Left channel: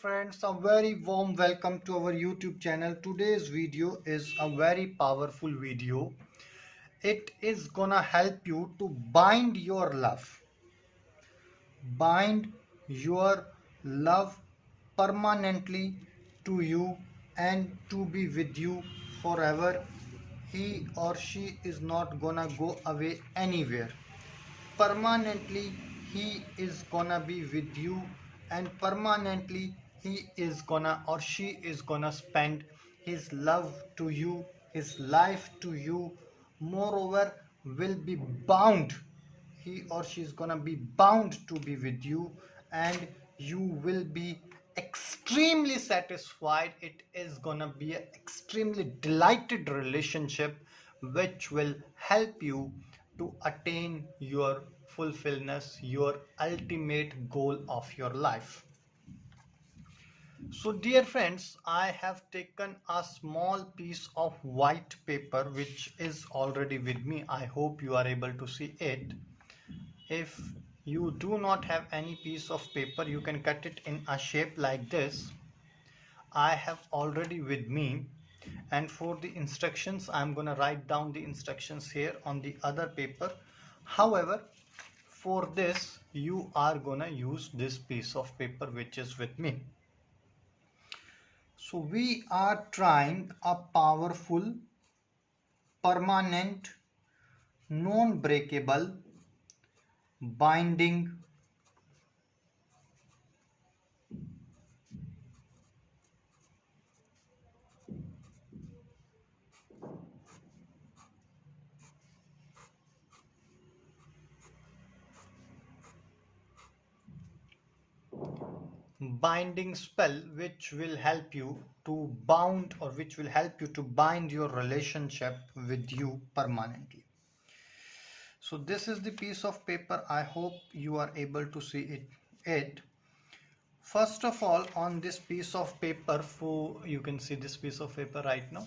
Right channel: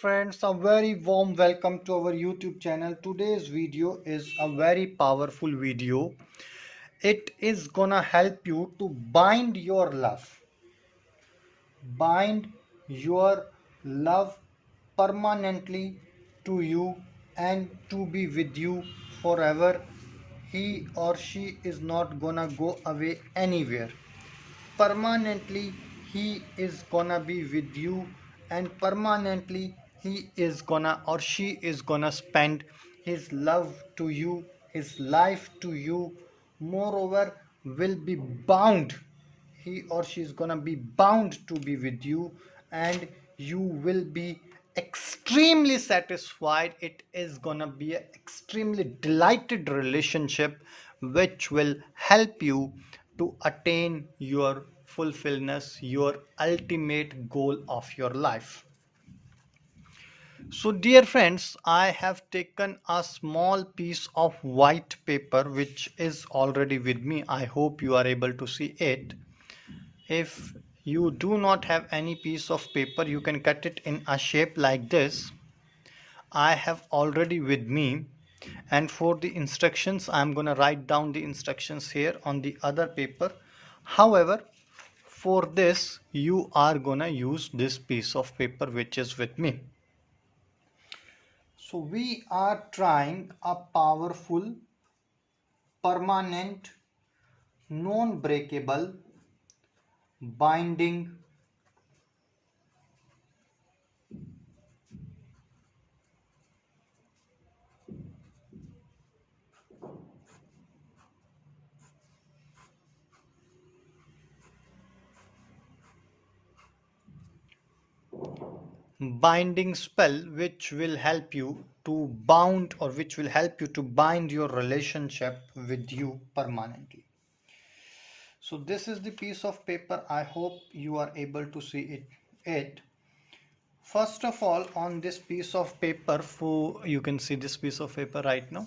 friends, a very warm welcome to our YouTube channel. Today's video is a very powerful video. It is gonna help you to bind your love permanently to you and to be with you forever. He or she is not gonna go away anywhere. Permanently he is gonna be with you, and permanently he is gonna or she is gonna spend his love to you, his life to you. Moreover, will be bound, he or she is gonna be bound to be with you, and you will be extremely satisfied. It is gonna be an extremely delighted relationship which will help you to attain your fulfillment, your ultimate goal of your life. So dear friends, I have taken a small piece of white paper which is already with me. I hope you are able to see it. If you do not have any piece of paper, you can cut it in a shape like this. I have already with me, and for the instructions I am going to write down the instructions here on the other paper. However, for this you are going to use this piece of paper which is with me. So we are trying a powerful, permanent, non-breakable binding spell which will help you to bound, or which will help you to bind your relationship with you permanently. So this is the piece of paper. I hope you are able to see it. First of all, on this piece of paper, you can see this piece of paper right now.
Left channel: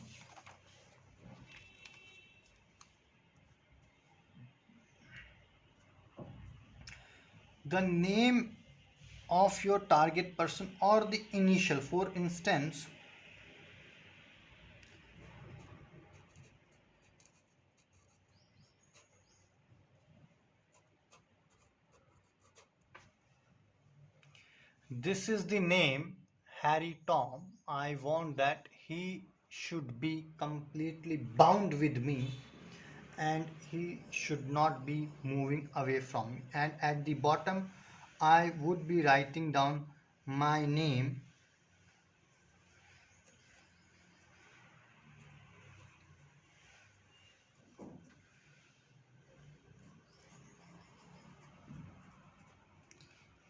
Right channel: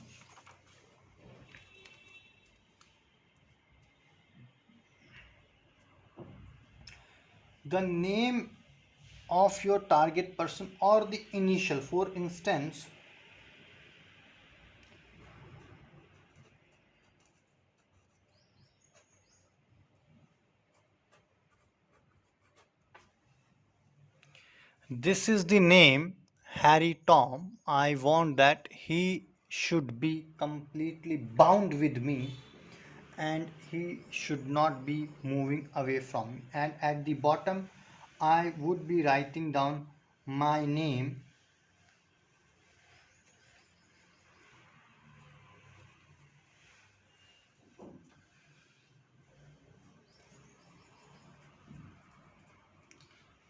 The name of your target person or the initial. For instance, this is the name Harry Tom. I want that he should be completely bound with me, and he should not be moving away from me. And at the bottom I would be writing down my name,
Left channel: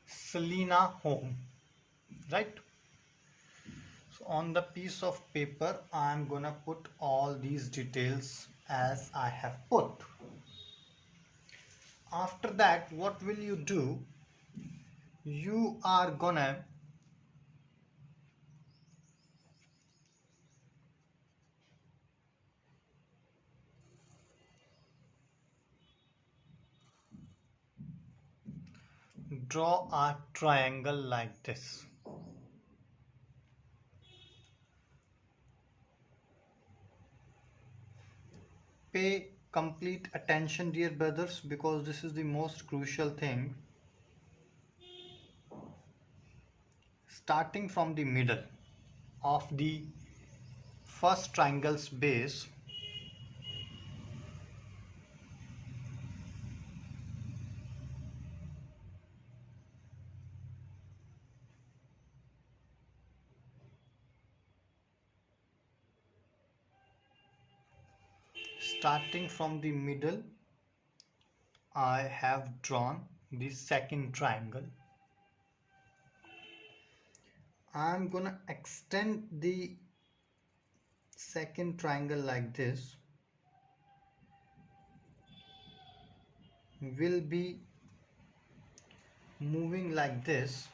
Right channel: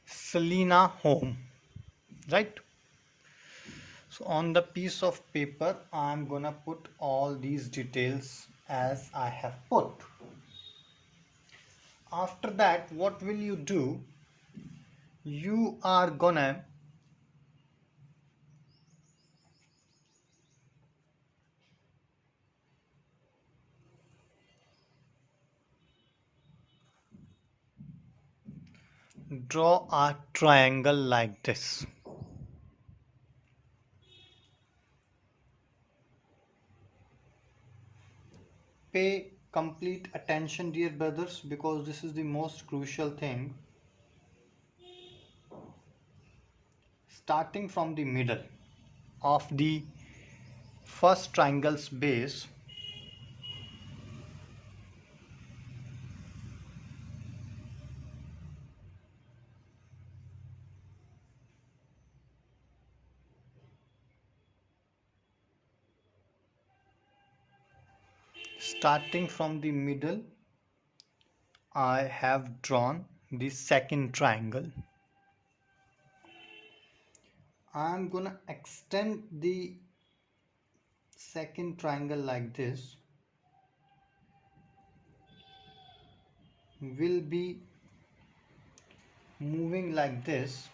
Selena Home, right? So on the piece of paper I'm gonna put all these details as I have put. After that, what will you do? You are gonna draw a triangle like this. Pay complete attention, dear brothers, because this is the most crucial thing. Starting from the middle of the first triangle's base, starting from the middle, I have drawn the second triangle. I am gonna extend the second triangle like this. Will be moving like this.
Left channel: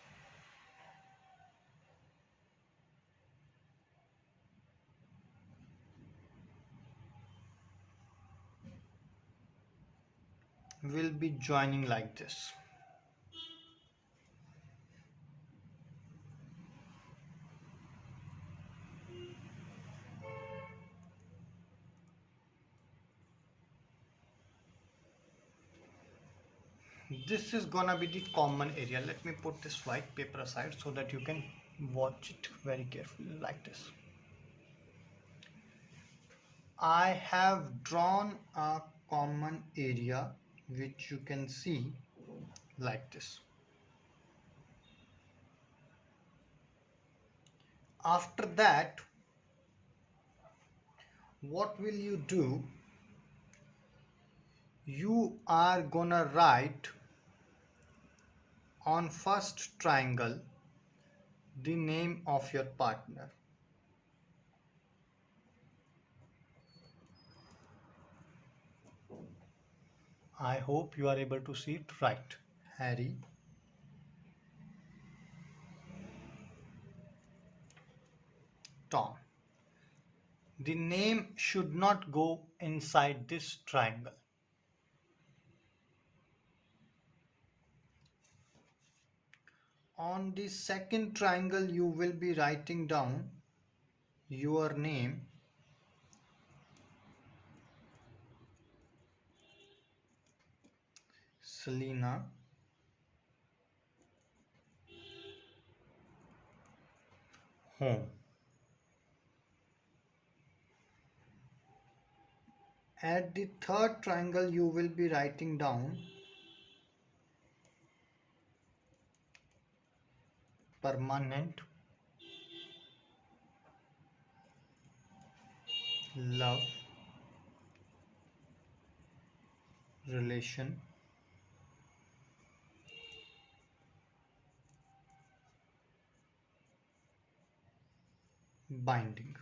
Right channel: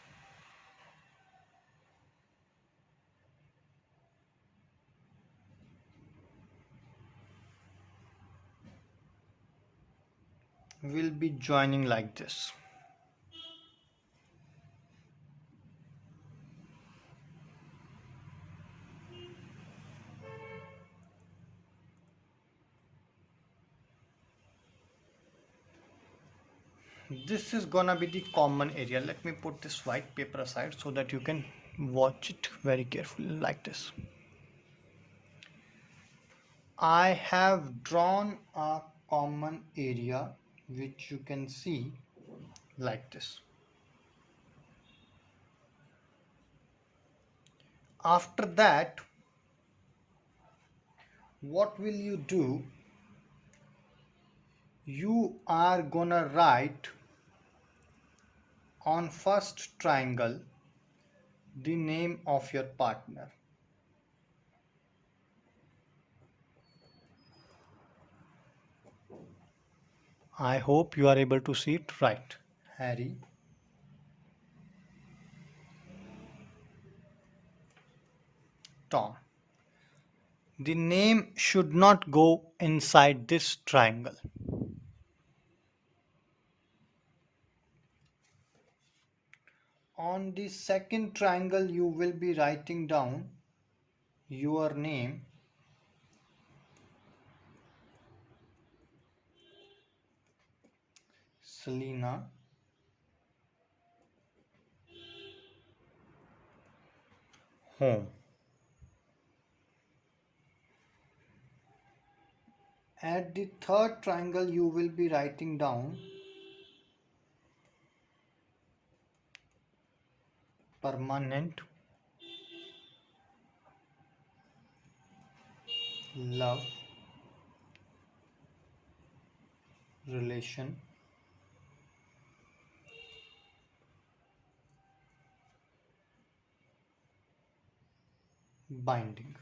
Will be joining like this. This is gonna be the common area. Let me put this white paper aside so that you can watch it very carefully like this. I have drawn a common area which you can see like this. After that, what will you do? You are gonna write on first triangle the name of your partner. I hope you are able to see it right. Harry, Tom. The name should not go inside this triangle. On the second triangle, you will be writing down your name, Selena, home. At the third triangle, you will be writing down permanent, love, relation, binding.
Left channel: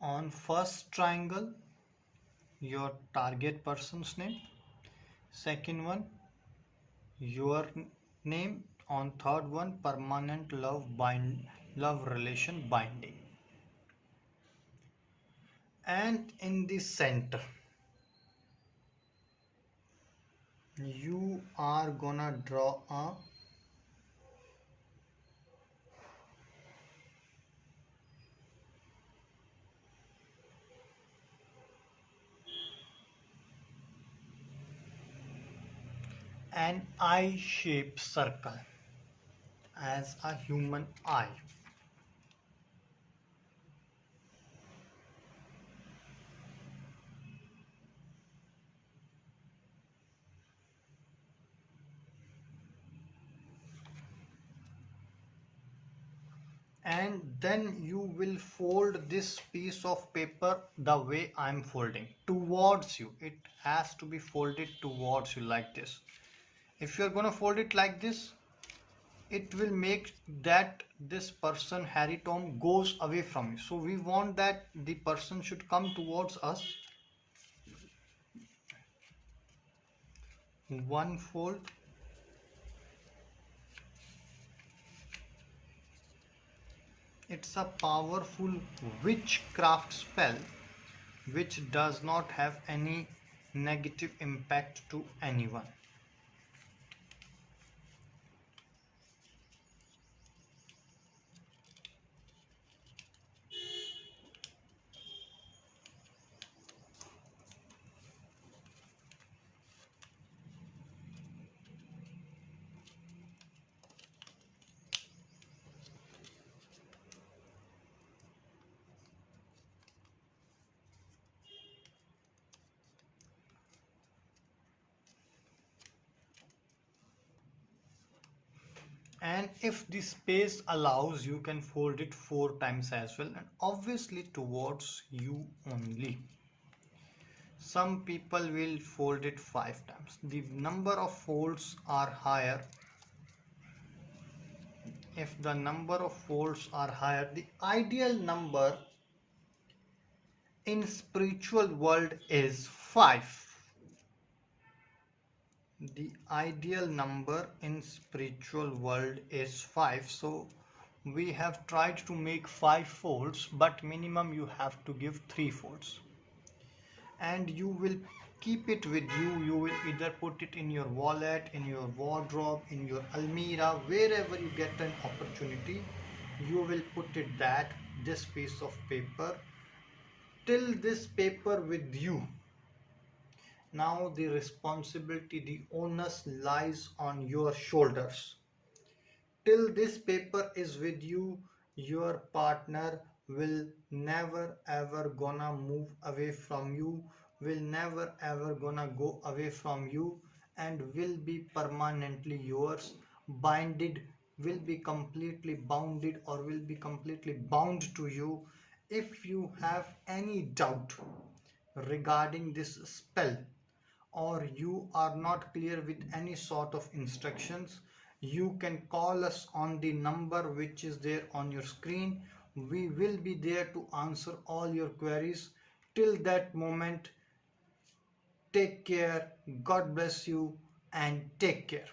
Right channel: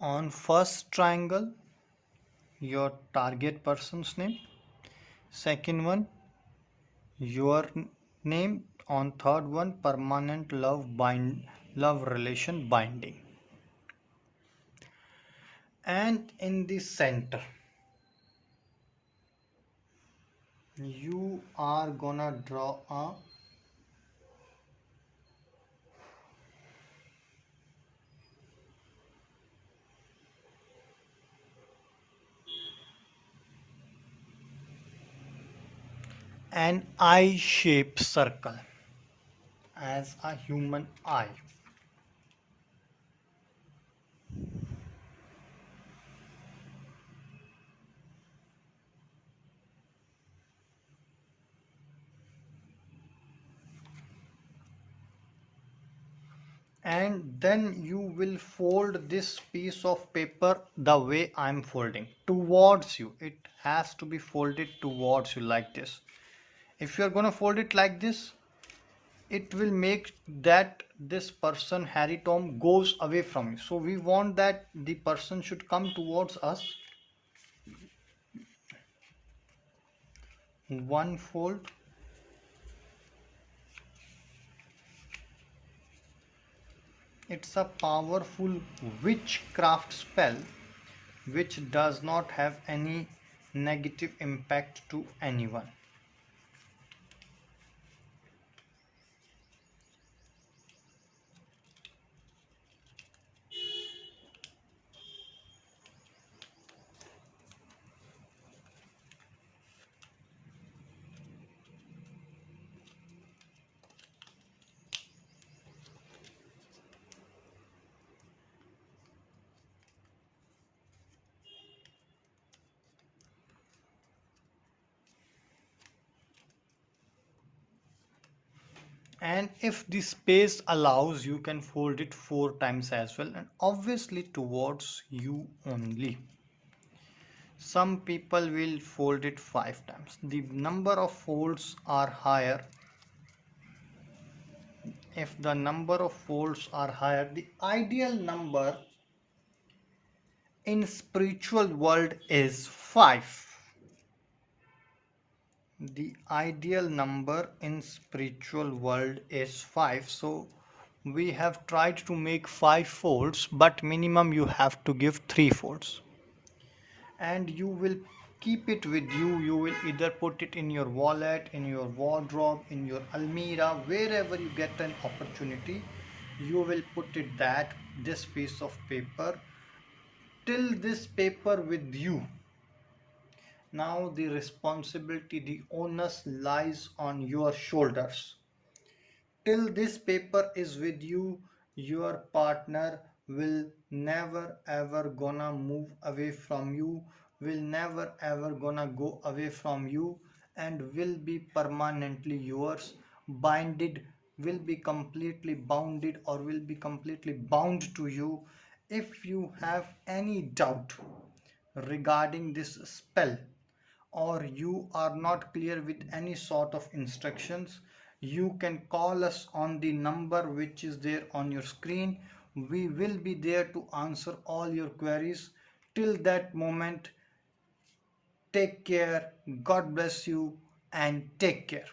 On first triangle, your target person's name. Second one, your name. On third one, permanent love relation binding. And in the center, you are gonna draw a an eye-shaped circle as a human eye. And then you will fold this piece of paper the way I'm folding towards you. It has to be folded towards you like this. If you're gonna fold it like this, it will make that this person Harry Tom goes away from you. So we want that the person should come towards us. One fold, it's a powerful witchcraft spell which does not have any negative impact to anyone. And if the space allows, you can fold it 4 times as well, and obviously towards you only. Some people will fold it 5 times. The number of folds are higher. If the number of folds are higher, the ideal number in spiritual world is 5. The ideal number in spiritual world is 5. So we have tried to make 5 folds, but minimum you have to give 3 folds. And you will keep it with you. You will either put it in your wallet, in your wardrobe, in your almirah, wherever you get an opportunity, you will put it that this piece of paper till this paper with you. Now the responsibility, the onus lies on your shoulders. Till this paper is with you, your partner will never ever gonna move away from you, will never ever gonna go away from you, and will be permanently yours, binded, will be completely bounded, or will be completely bound to you. If you have any doubt regarding this spell, or you are not clear with any sort of instructions, you can call us on the number which is there on your screen. We will be there to answer all your queries. Till that moment, take care, God bless you, and take care.